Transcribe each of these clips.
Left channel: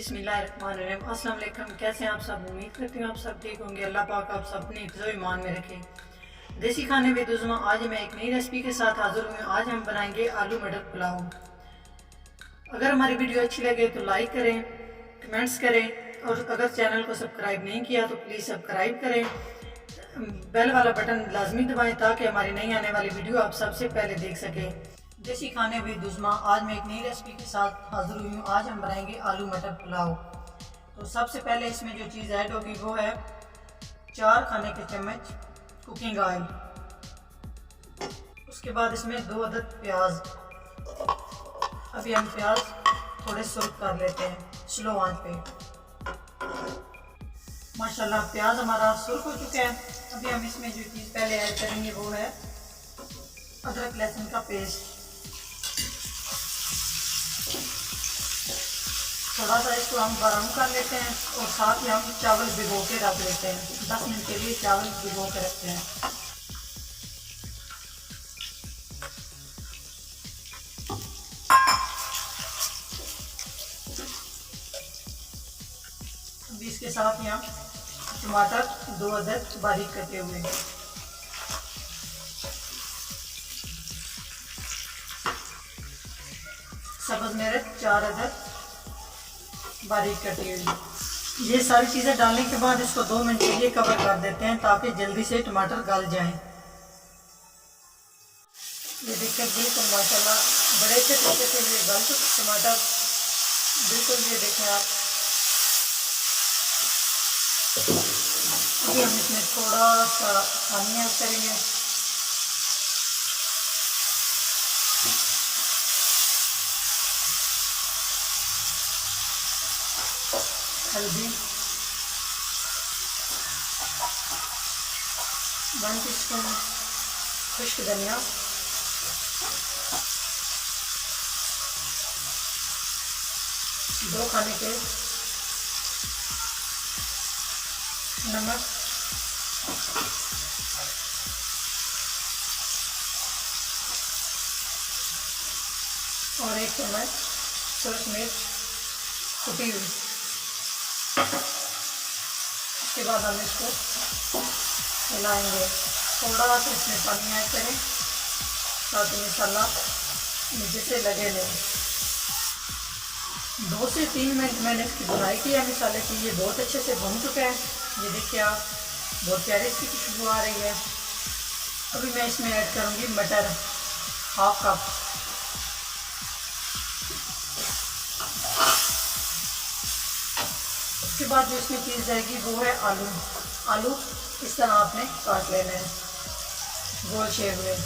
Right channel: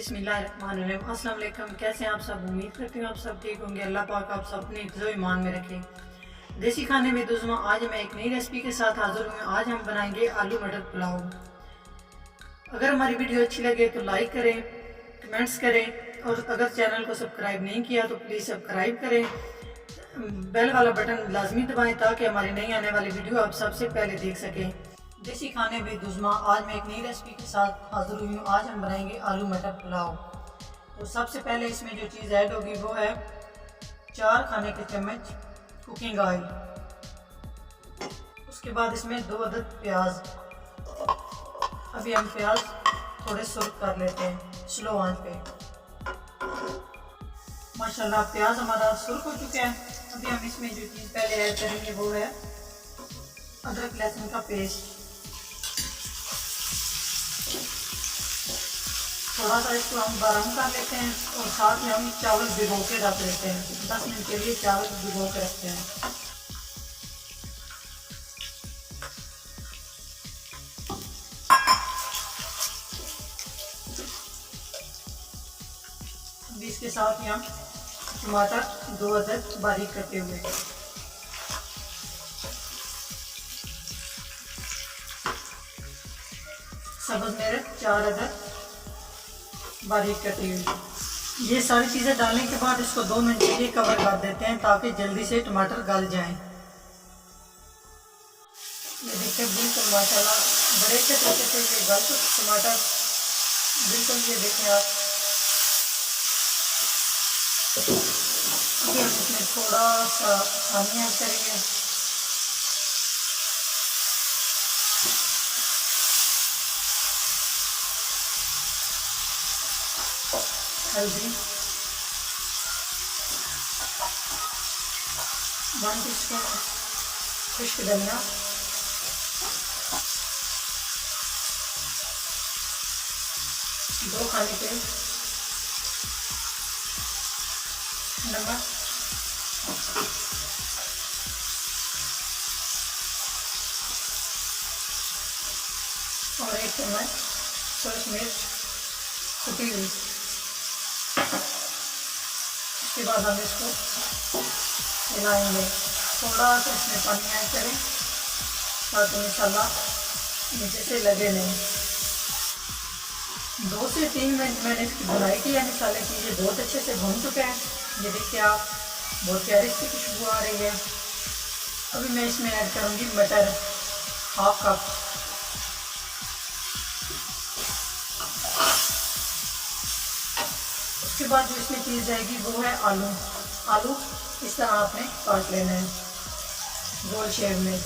बिस्मिल्लाहिर्रहमानिर्रहीम। अस्सलाम वालेकुम। कैसे हैं आप सब? उम्मीद करती हूँ आप सब ठीक होंगे। अल्लाह पाक आप सब अपने हिफ्ज़ व ईमान में रखे। देसी खाने विद उज़्मा आज मैं एक नई रेसिपी के साथ हाज़िर हूँ। आज हम बनाएंगे आलू मटर पुलाव। अगर हमारी वीडियो अच्छी लगे तो लाइक करें, कमेंट्स करें और अगर चैनल को सब्सक्राइब नहीं किया तो प्लीज़ सब्सक्राइब करें। बेल वाला बटन लाजमी दबाएं ताकि हमारी नई आने वाली वीडियो आप सबसे पहले देख सकें। देसी खाने विद उज़्मा आज मैं एक नई रेसिपी के साथ हाज़िर हुई हूँ। आज हम बनाएंगे आलू मटर पुलाव। तो सबसे पहले इसमें जो चीज़ ऐड होगी वो है 4 खाने के चम्मच कुकिंग ऑयल। उसके बाद इसमें 2 अदद प्याज। अभी हम प्याज थोड़े सुर्ख कर लेते हैं स्लो आंच पे। माशाल्लाह प्याज हमारा सुर्ख हो चुका है। अभी हम इसमें जो चीज़ पहले ऐड करेंगे वो है अदरक लहसुन का पेस्ट। थोड़ा सा इसको हम ब्राउन कर लेते हैं और साथ ही हम चावल भिगो के रख देते हैं। 10 मिनट के लिए चावल भिगो के रखते हैं। अभी इसके साथ यहाँ टमाटर 2 अदद बारीक कटे हुए, सब्ज़ मिर्च 4 अदद बारीक कटी हुई। ये सारी चीज़ें डालने के बाद इसको 2 मिनट के लिए कवर कर देते हैं ताकि जल्दी से टमाटर गल जाएं। ये देखिए बिल्कुल माशाल्लाह बड़े अच्छे तरीके से ये गल चुके टमाटर बिल्कुल। ये देखें आप। अभी हम इसमें थोड़ा सा पानी ऐड करेंगे। हल्दी 1 टीस्पून, खुश्क धनिया, दो खाने के नमक, और 1 चम्मच सूरज मिर्च कुटी हुई। उसके बाद हम इसको हिलाएंगे। थोड़ा सा इसमें पानी ऐड करें ताकि मसाला नीचे से लगे नहीं। 2 से 3 मिनट मैंने इसकी बुनाई की है मसाले की। ये बहुत अच्छे से भुन चुका है। ये देखिए आप, बहुत प्यारी इसकी खुशबू आ रही है। अभी मैं इसमें ऐड करूँगी मटर 1/2 कप। उसके बाद जो इसमें चीज़ जाएगी वो है आलू। आलू इस तरह आपने काट लेना है गोल शेप में।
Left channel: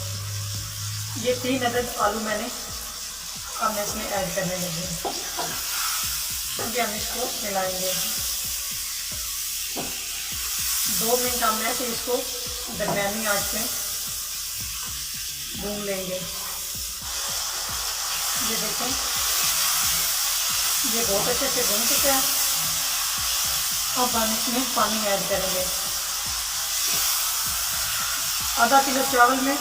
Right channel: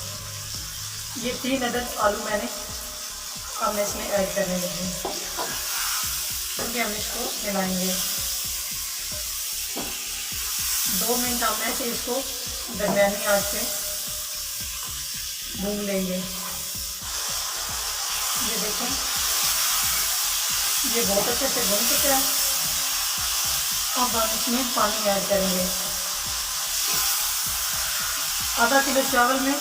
ये 3 अदद आलू मैंने अब मैं इसमें ऐड करने लगी। अभी हम इसको मिलाएंगे। 2 मिनट हम ऐसे इसको दरमियानी आंच पे भून लेंगे। ये देखें ये बहुत अच्छे से भून चुका है। अब हम इसमें पानी ऐड करेंगे। आधा किलो चावल में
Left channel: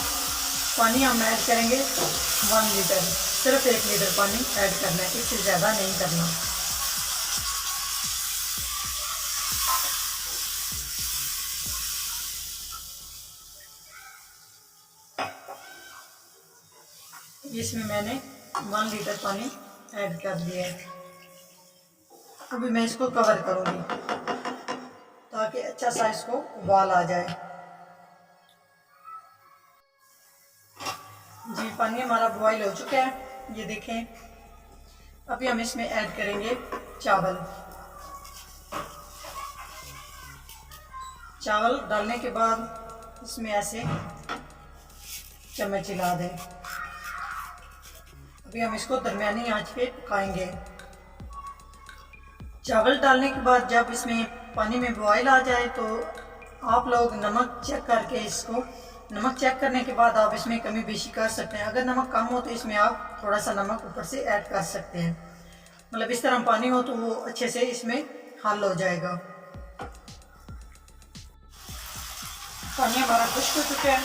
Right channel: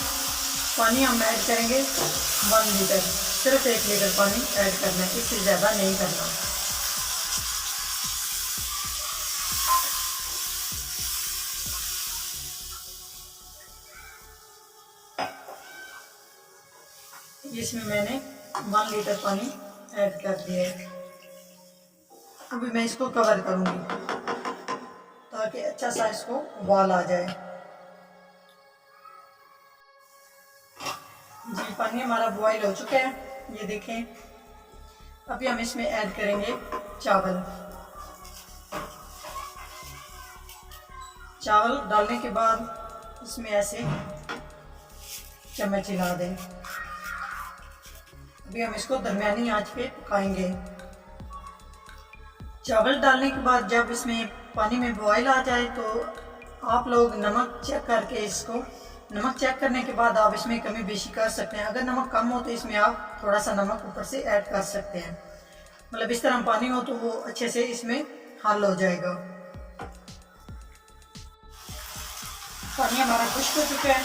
पानी हम ऐड करेंगे 1 लीटर। सिर्फ 1 लीटर पानी ऐड करना है, इससे ज़्यादा नहीं करना। इसमें मैंने 1 लीटर पानी ऐड कर दिया है। अभी मैं इसको कवर करूँगी ताकि अच्छा सा इसको उबाल आ जाए। जी पानी हमारा बॉईल हो चुका है। ये देखें। अभी हम इसमें ऐड करेंगे चावल। चावल डालने के बाद इसमें ऐसे चम्मच हिला दें। अभी हम इसको दरमियानी आंच पे पकाएंगे। चावल डालने के बाद जब इसमें पानी में बॉयल आ जाए तो आप लोग नमक चेक करके इसको नमक चेक करने के बाद आप इसमें कमी बेशी कर सकते हैं। अगर नमक कम हो तो इसमें आप थोड़ा सा नमक ऊपर से ऐड कर सकते हैं। मतलब इस तरह पानी हो तो वो अच्छे से इसमें हल हो जाएगा। पानी हमारा खुश्क हो चुका है।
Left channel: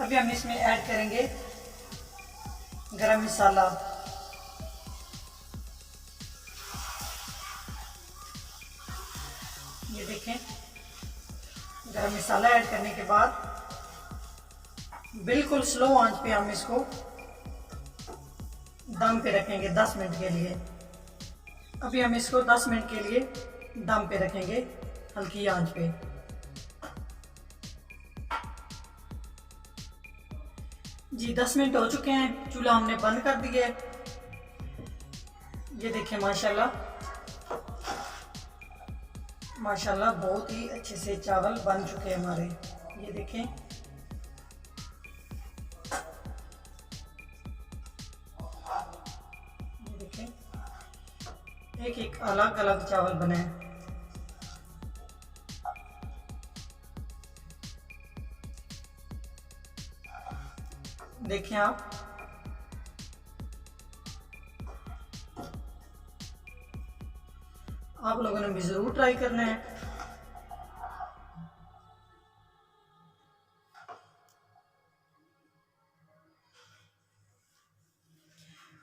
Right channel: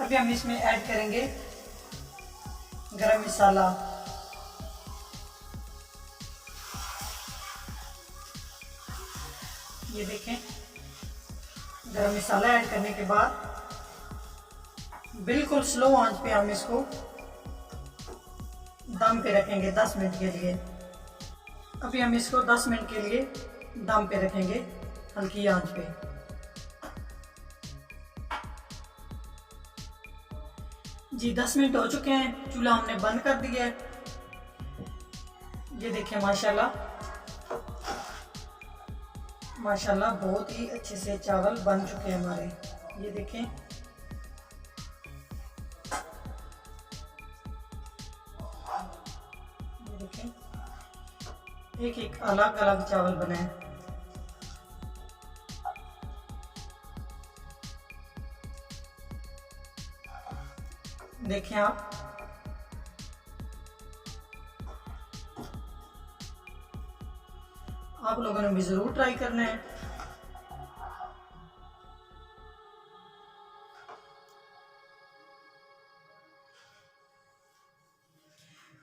अभी हम इसमें ऐड करेंगे गरम मसाला, देखें, गरम मसाला ऐड करने के बाद बिल्कुल स्लो आंच पे हम इसको दम पे रखेंगे 10 मिनट के लिए। अभी हम इसको 10 मिनट के लिए दम पे रखेंगे हल्की आंच पे। जी 10 मिनट हो चुके हैं, चूल्हा हमने बंद कर दिया है। ये देखें माशाल्लाह माशाल्लाह बहुत ही अच्छे से चावल बन चुके हैं हमारे। ये देखें, ये देखें, एक एक अलग अलग चावल बने हैं। देखें आप लोगों ने भी ज़रूर ट्राई करना है।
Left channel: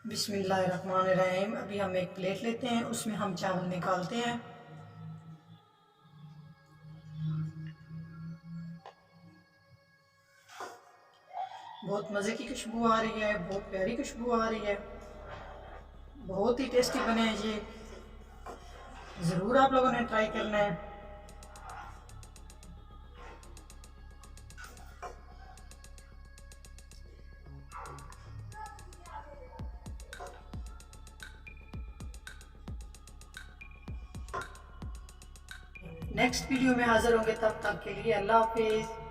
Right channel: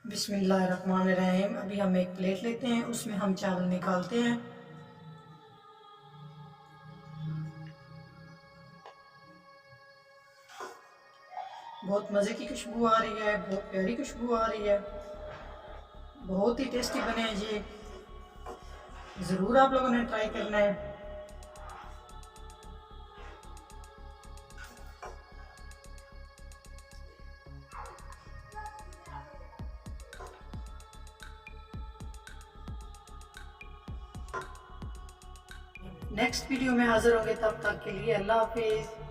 बिस्मिल्लाहिर्रहमानिर्रहीम। अभी हम एक प्लेट लेते हैं, उसमें हम चावल निकालते हैं। बहुत मज़े की खुशबू आ रही है, बहुत प्यारी खुशबू आ रही है, बहुत ही टेस्टी बने हैं ये। ज़रूर आप लोगों ने ट्राई करना है। नेक्स्ट वीडियो में हाज़िर होंगे, तब तक के लिए अल्लाह हाफिज़।